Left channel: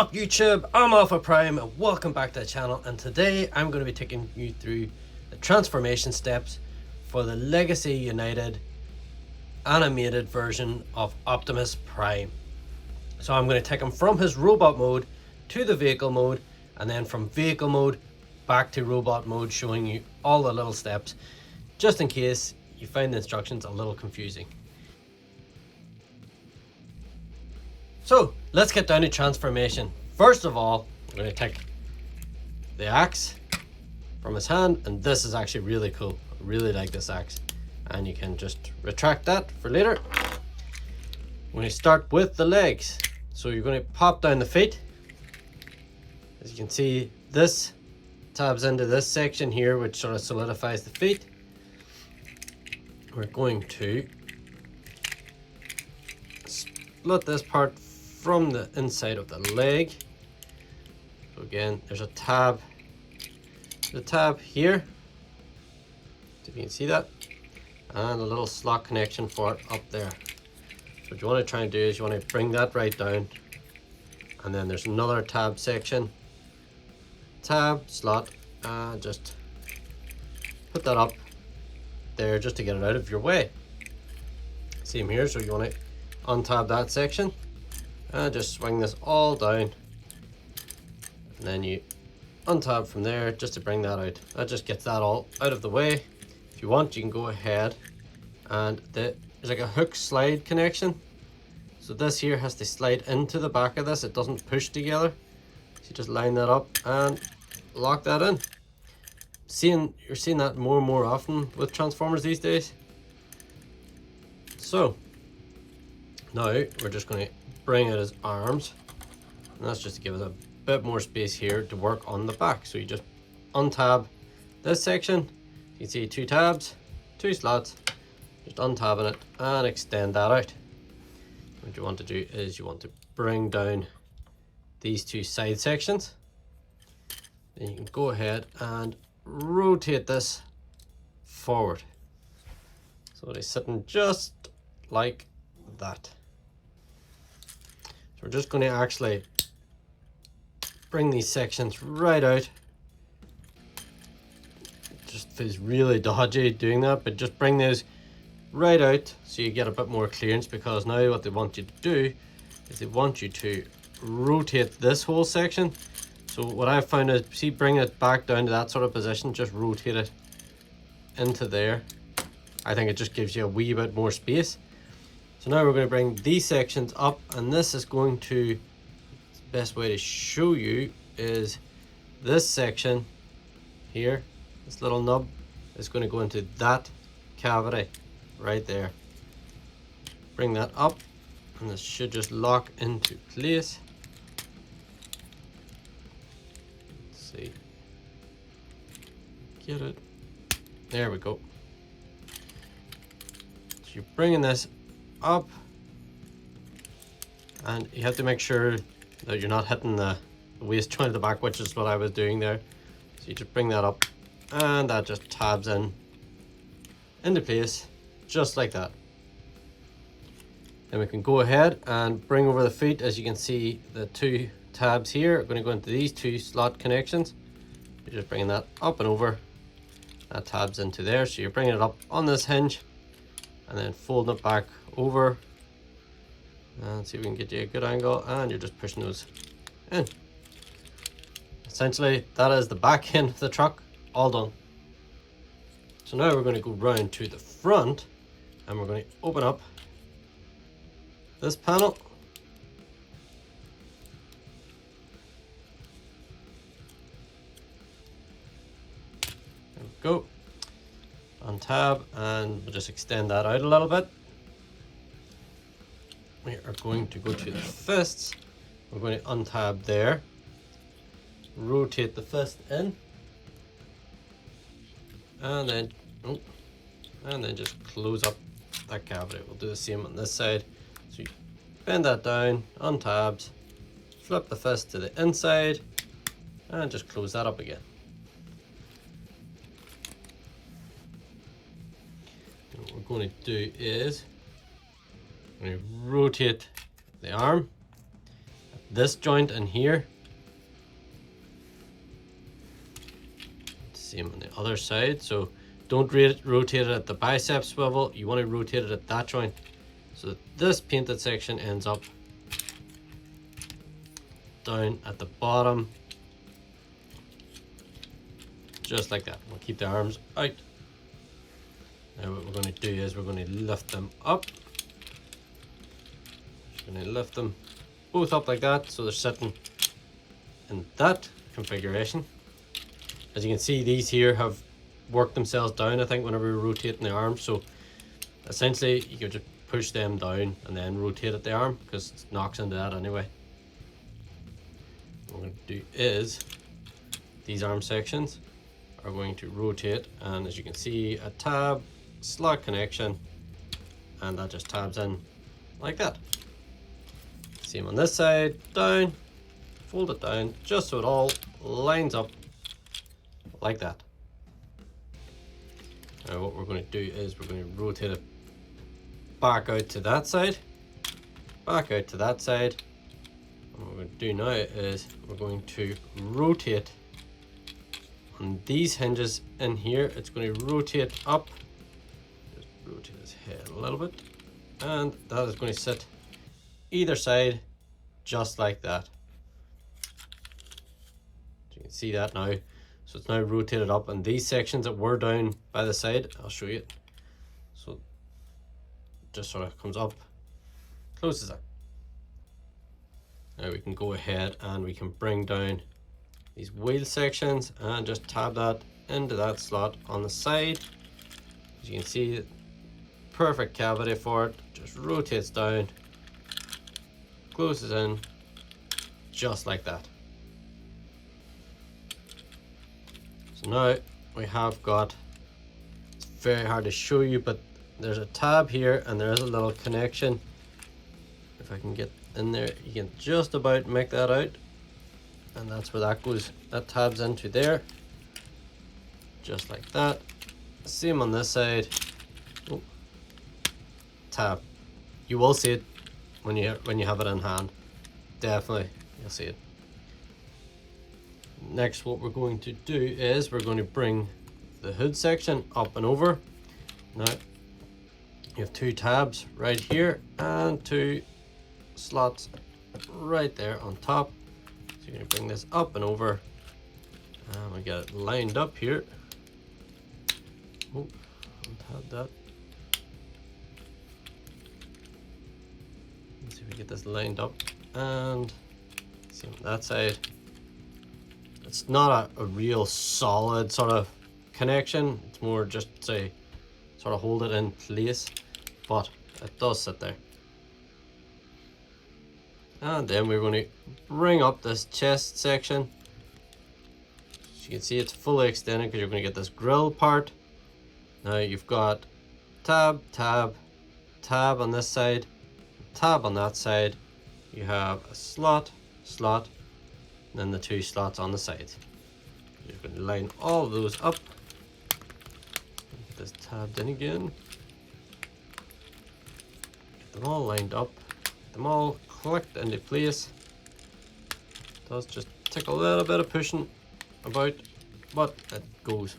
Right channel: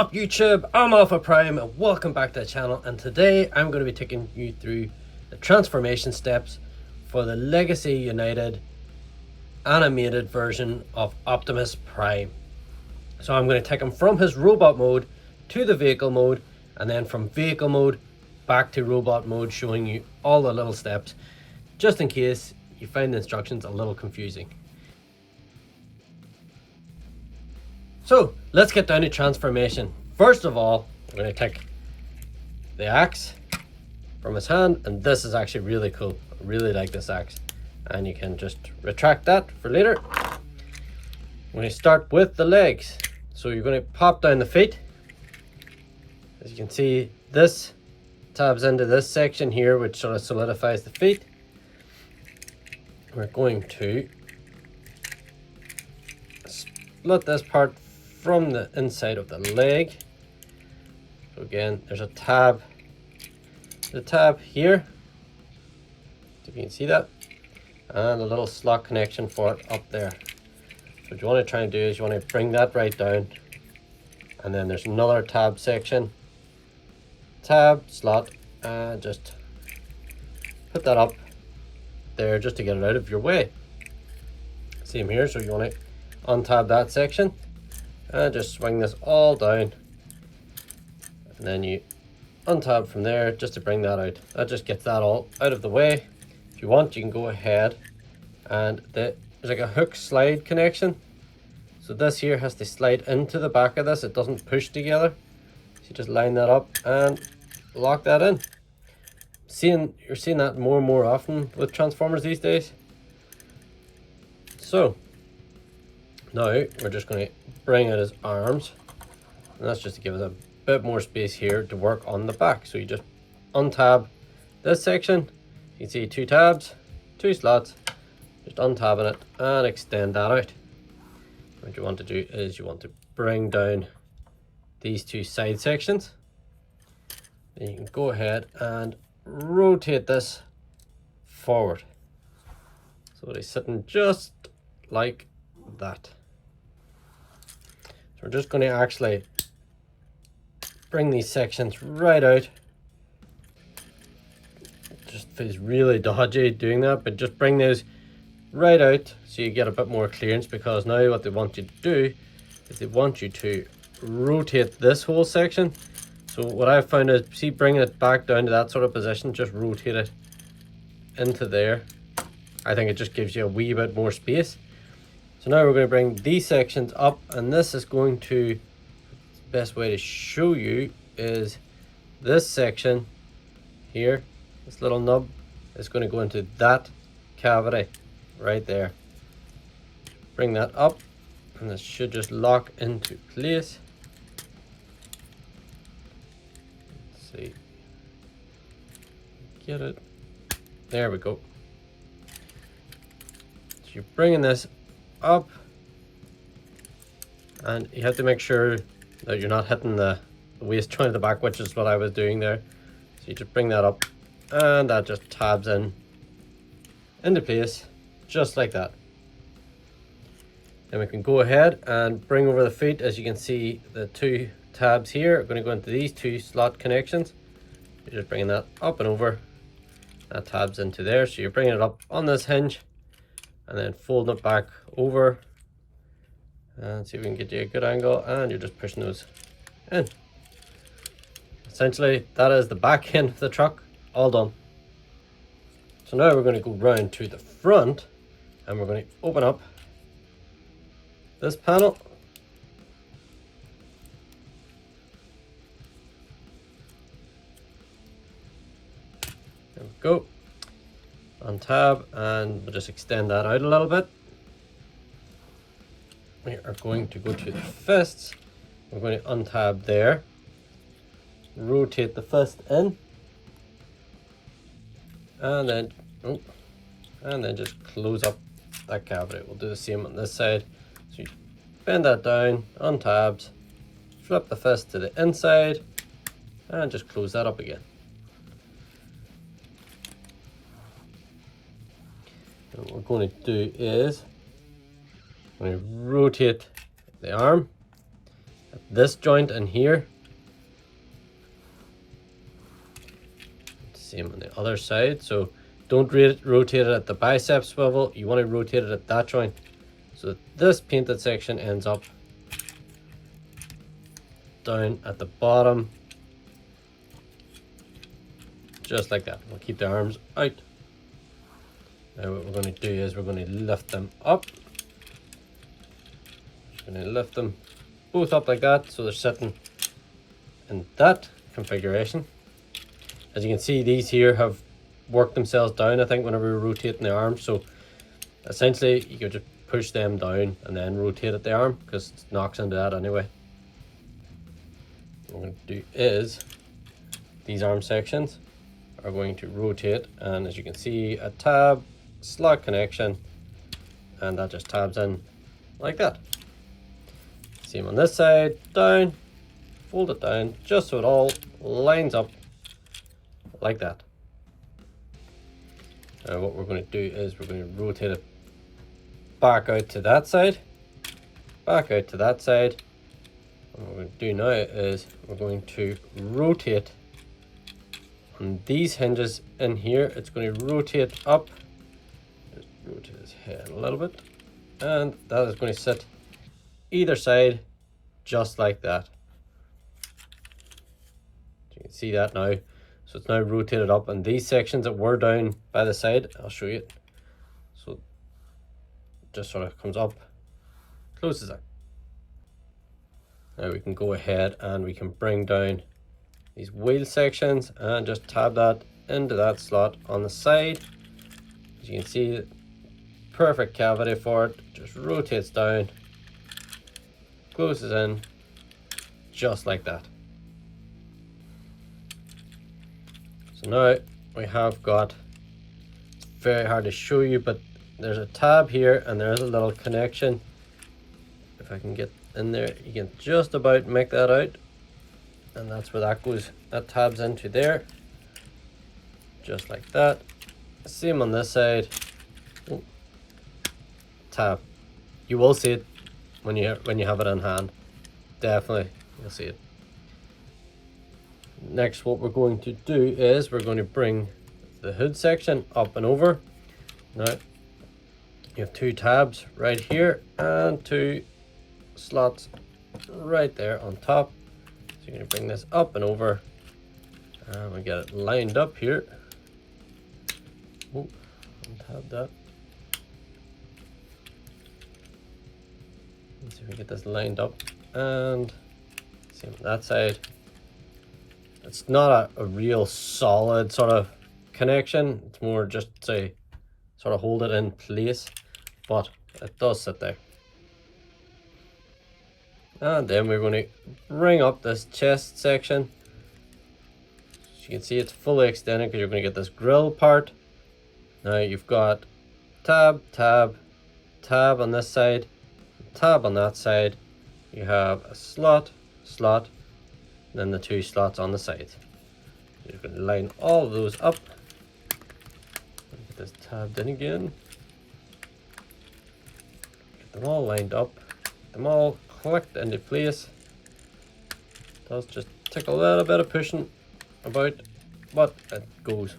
up YouTube? I'm Optimus Prime and welcome back to the channel, and today I'm going to be taking you through the transformation steps for the Legacy United animated version of Optimus Prime. So I'm going to take him from his robot mode to the vehicle mode, and then from vehicle mode back to robot mode, showing you all the little steps just in case you find the instructions a little confusing. So let's get down to transformation. First of all, we're going to take the axe from his hand, and this is actually really cool. I really like this axe, and you can just retract that for later. We're going to start with the legs. So you're going to pop down the feet. As you can see, this tabs into this section here, which sort of solidifies the feet. We're going to split this part from the inside of the leg. So again, there's a tab, the tab here, if you can see that, and a little slot connection for it up there. So what you want to try and do is you want to bring that right down, and then there's another tab section, tab, slot, and just put that up there just to get it out of your way. Same here, so you want to untab that section and just swing this all down, and then you untab from there just to bring that out. That just gets that all out of the way. If you want, you can go ahead and there's like a hook slide connection, so this here has to slide into the back of this. It doesn't push together, so you just line that up and lock that in. You're seeing that more and more often with Transformers these days. So now we're just going to bring out his arms, and that's just to give us a bit more space here to work on the back. So you just untab this section. You can see two tabs, two slots, just untabbing it and extend that out. What you want to do is you want to bring down these two side sections. Then you can go ahead and rotate this forward, so it's sitting just like that. So we're just going to actually bring these sections right out. It just feels really dodgy doing that, but just bring those right out so you get a bit more clearance, because now what they want you to do is they want you to rotate this whole section. So what I've found is, see, bring it back down to that sort of position, just rotate it into there. I think it just gives you a wee bit more space. So now we're going to bring these sections up, and this is going to, the best way to show you is this section here, this little nub is going to go into that cavity right there. Bring that up, and this should just lock into place. Let's see, get it, there we go. So you're bringing this up, and you have to make sure that you're not hitting the waist joint at the back, which is what I was doing there. So you just bring that up, and that just tabs into place just like that. Then we can go ahead and bring over the feet. As you can see, the two tabs here are going to go into these two slot connections. You're just bringing that up and over, that tabs into there, so you're bringing it up on this hinge and then folding it back over, and see if we can get you a good angle, and you're just pushing those in. Essentially, that is the back end of the truck all done. So now we're going to go round to the front, and we're going to open up this panel. There we go. Untab, and we'll just extend that out a little bit. We are going to go to the fists. We're going to untab there, rotate the fist in, and then just close up that cavity. We'll do the same on this side. So you bend that down, untabs, flip the fist to the inside, and just close that up again. And what we're going to do is I'm going to rotate the arm, at this joint in here. Same on the other side. So don't rotate it at the bicep swivel. You want to rotate it at that joint so that this painted section ends up down at the bottom, just like that. We'll keep the arms out. Now what we're going to do is we're going to lift them up. We're going to lift them both up like that so they're sitting in that configuration. As you can see, these here have worked themselves down, I think, whenever we're rotating the arm. So essentially you can just push them down and then rotate at the arm because it knocks into that anyway. What we're going to do is these arm sections are going to rotate, and as you can see, a tab slot connection, and that just tabs in like that. Same on this side, down, fold it down just so it all lines up like that. Now what we're going to do is we're going to rotate it back out to that side, back out to that side. And what we're going to do now is we're going to rotate on these hinges in here. It's going to rotate up, just rotate his head a little bit, and that is going to sit either side just like that. You can see that now. So it's now rotated up, and these sections that were down by the side, I'll show you it. So it just sort of comes up, closes out. Now we can go ahead and we can bring down these wheel sections and just tab that into that slot on the side. As you can see, perfect cavity for it, just rotates down, closes in, just like that. So now we have got, it's very hard to show you, but there's a tab here and there is a little connection. If I can get in there, you can just about make that out, and that's where that goes, that tabs into there, just like that. Same on this side. Oh, tab. You will see it when you have it in hand. Definitely, you'll see it. Next, what we're going to do is we're going to bring the hood section up and over. Now you have two tabs right here and two slots right there on top. So you're going to bring this up and over, and we get it lined up here. Oh, untab that. Let's see if we get this lined up, and same on that side. It's not a real solid sort of connection. It's more just say sort of hold it in place, but it does sit there. And then we're going to bring up this chest section. As you can see, it's fully extended because you're going to get this grill part. Now you've got tab, tab, tab on this side, tab on that side. You have a slot, slot, and then the two slots on the sides. You're going to line all of those up. Get this tabbed in again. Get them all lined up. Get them all clicked into place. It does just take a little bit of pushing about, but it goes.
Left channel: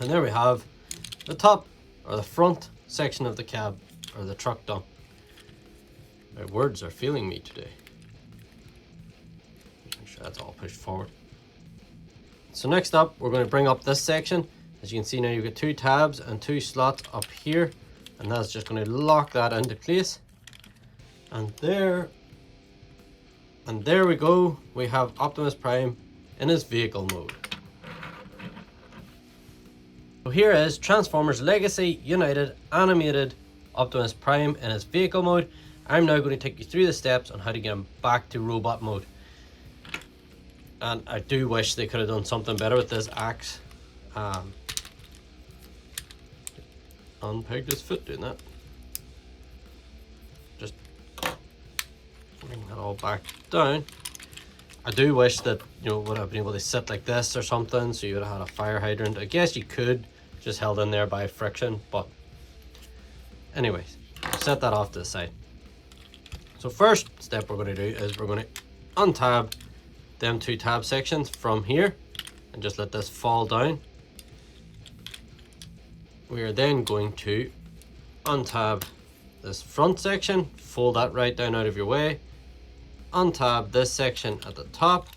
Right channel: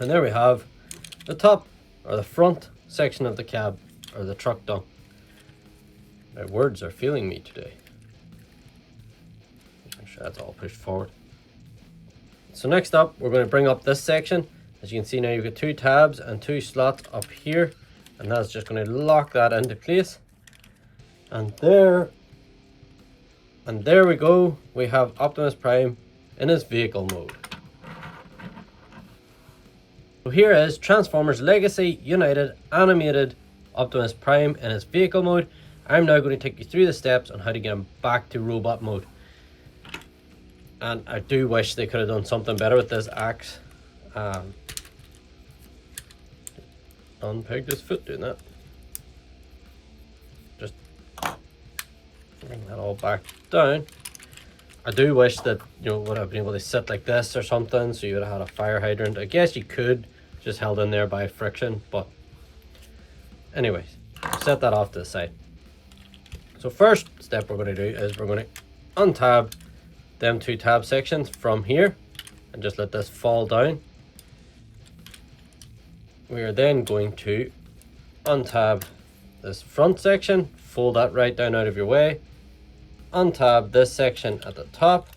And there we have the top or the front section of the cab or the truck done. My words are failing me today. Make sure that's all pushed forward. So next up, we're going to bring up this section. As you can see now, you've got two tabs and two slots up here, and that's just going to lock that into place. And there we go. We have Optimus Prime in his vehicle mode. So here is Transformers Legacy United animated Optimus Prime in his vehicle mode. I'm now going to take you through the steps on how to get him back to robot mode. And I do wish they could have done something better with this axe. Unpegged his foot doing that. Just bring that all back down. I do wish that, you know, would have been able to sit like this or something, so you would have had a fire hydrant. I guess you could, just held in there by friction, but anyways, set that off to the side. So first step we're going to do is we're going to untab them 2 tab sections from here and just let this fall down. We are then going to untab this front section, fold that right down out of your way, untab this section at the top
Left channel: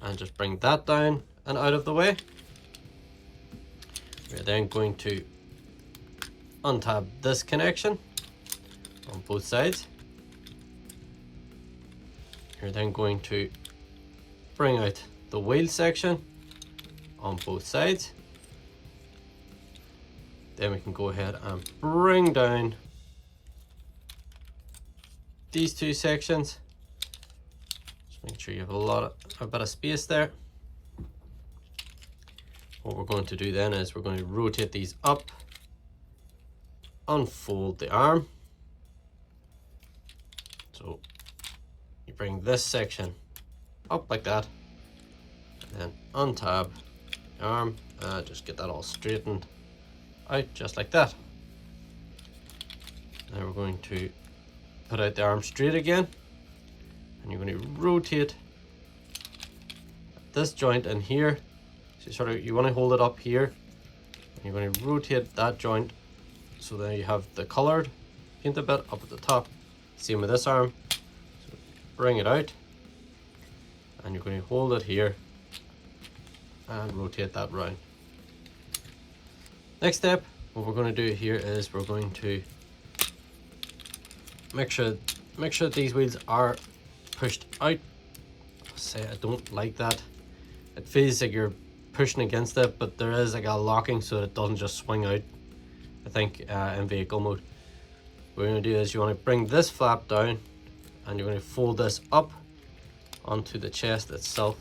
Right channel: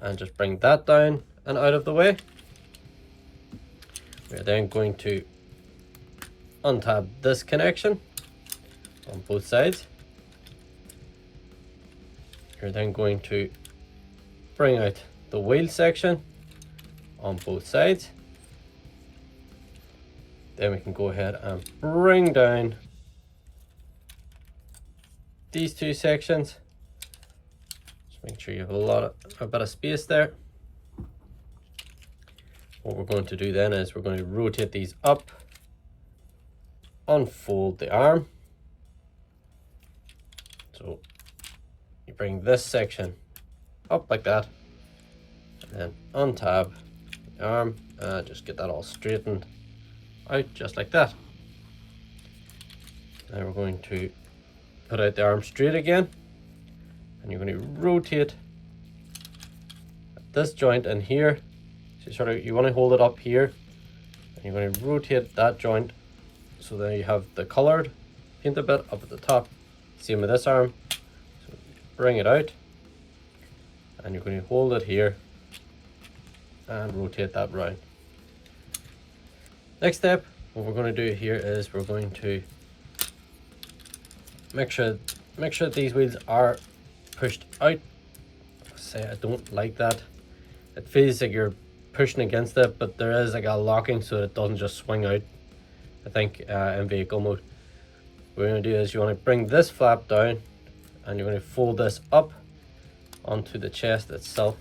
and just bring that down and out of the way. We're then going to untab this connection on both sides. You're then going to bring out the wheel section on both sides. Then we can go ahead and bring down these 2 sections. Just make sure you have a bit of space there. What we're going to do then is we're going to rotate these up, unfold the arm. So you bring this section up like that, and then untab the arm and just get that all straightened out just like that. Now we're going to put out the arm straight again, and you're going to rotate this joint in here. So you want to hold it up here, and you're going to rotate that joint so that you have the colored paint a bit up at the top. Same with this arm. So bring it out, and you're going to hold it here and rotate that round. Next step, what we're going to do here is we're going to make sure these wheels are pushed out. I don't like that. It feels like you're pushing against it, but there is like a locking so it doesn't just swing out, I think, in vehicle mode. What you're going to do is you want to bring this flap down, and you're going to fold this up onto the chest itself.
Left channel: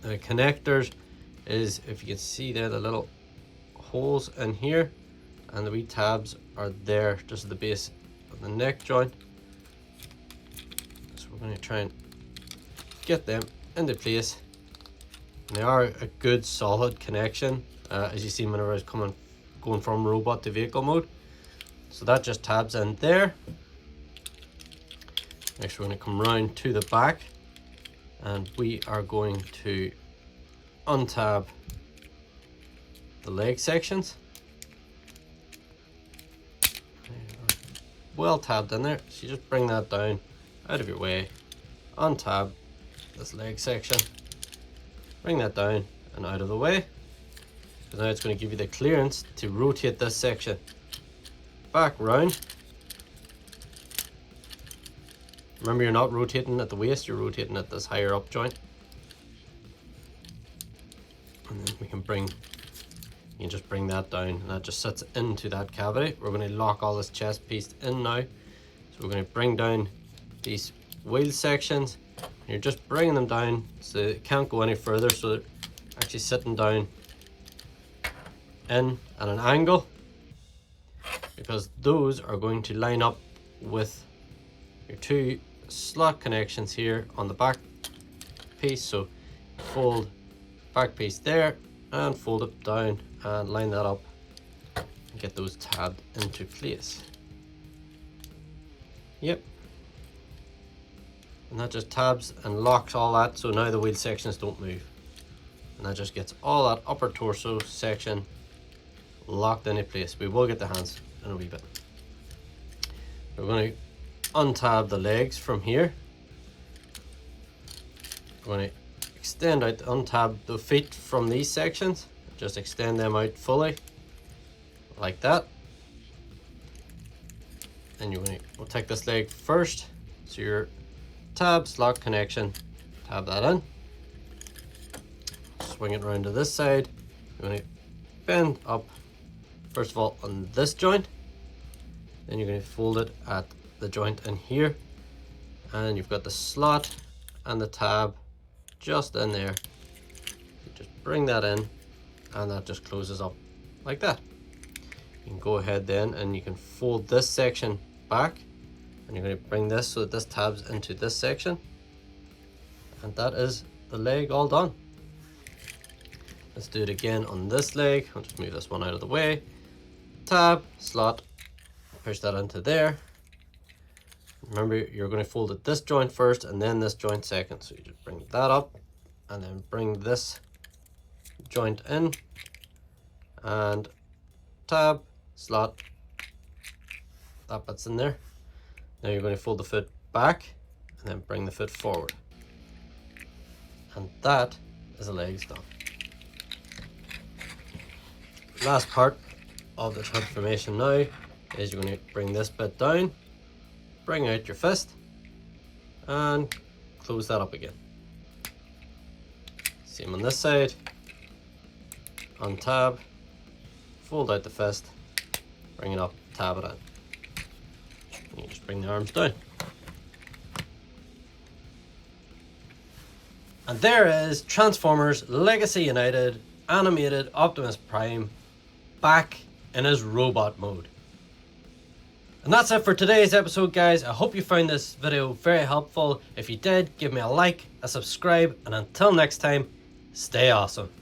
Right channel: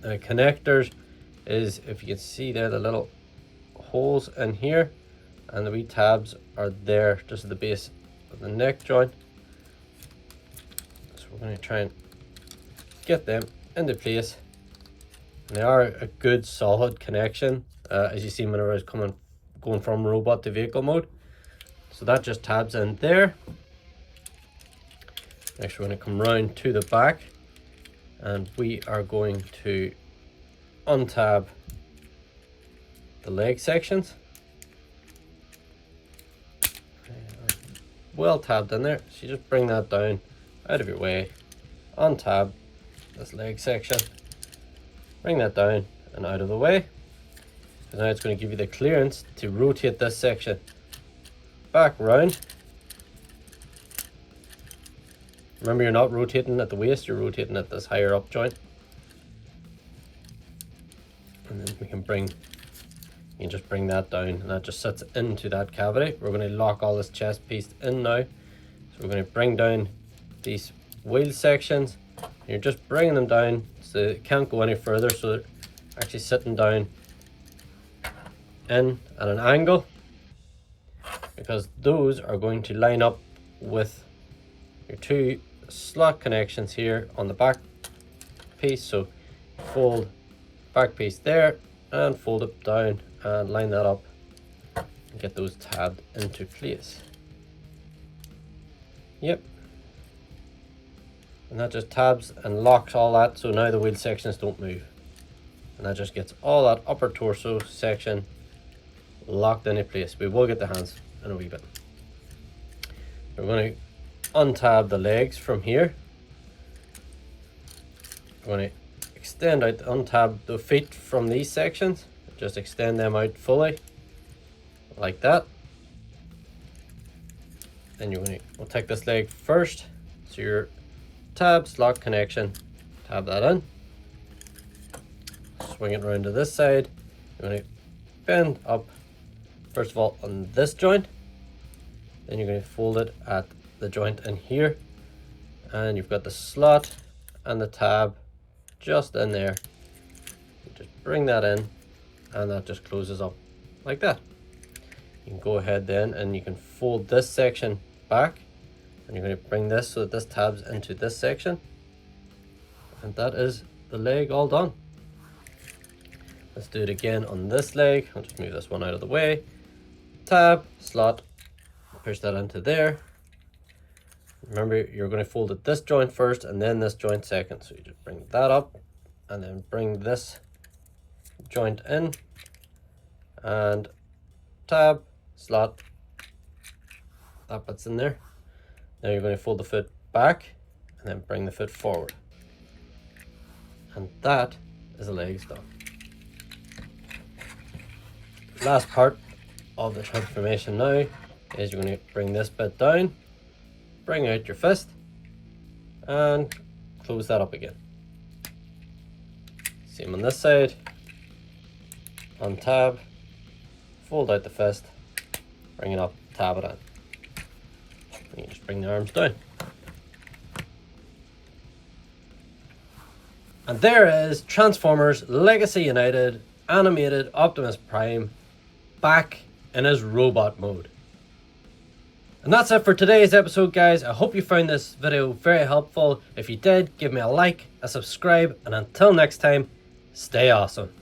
The connectors is, if you can see there, the little holes in here, and the wee tabs are there just at the base of the neck joint. So we're going to try and get them into place. And they are a good solid connection, as you see whenever I was going from robot to vehicle mode. So that just tabs in there. Next we're going to come round to the back, and we are going to untab the leg sections. Well tabbed in there, so you just bring that down out of your way, untab this leg section, bring that down and out of the way, because now it's going to give you the clearance to rotate this section back round. Remember, you're not rotating at the waist, you're rotating at this higher up joint. And then we can you just bring that down, and that just sits into that cavity. We're going to lock all this chest piece in now. So we're going to bring down these wheel sections. You're just bringing them down so it can't go any further, so they're actually sitting down in at an angle, because those are going to line up with your 2 slot connections here on the back piece. So fold back piece there and fold it down and line that up and get those tabbed into place. Yep. And that just tabs and locks all that, so now the wheel sections don't move. And that just gets all that upper torso section locked into place. We will get the hands in a wee bit. We're going to untab the legs from here. We're going to extend out, untab the feet from these sections. Just extend them out fully, like that. And we'll take this leg first. So your tab, slot connection, tab that in. Swing it around to this side. You're going to bend up, first of all, on this joint. Then you're going to fold it at the joint in here. And you've got the slot and the tab just in there. You just bring that in, and that just closes up like that. You can go ahead then and you can fold this section back, and you're going to bring this so that this tabs into this section, and that is the leg all done. Let's do it again on this leg. I'll just move this one out of the way. Tab, slot, push that into there, Remember, you're going to fold it this joint first and then this joint second. So you just bring that up and then bring this joint in and tab, slot, that bit's in there. Now you're going to fold the foot back and then bring the foot forward. And that is the legs done. Last part of this hood formation now is you're going to bring this bit down, bring out your fist, and close that up again. Same on this side. Untab, fold out the fist, bring it up, tab it in. And you just bring the arms down. And there is Transformers Legacy United animated Optimus Prime back in his robot mode. And that's it for today's episode, guys. I hope you found this video very helpful. If you did, give me a like, a subscribe, and until next time, stay awesome.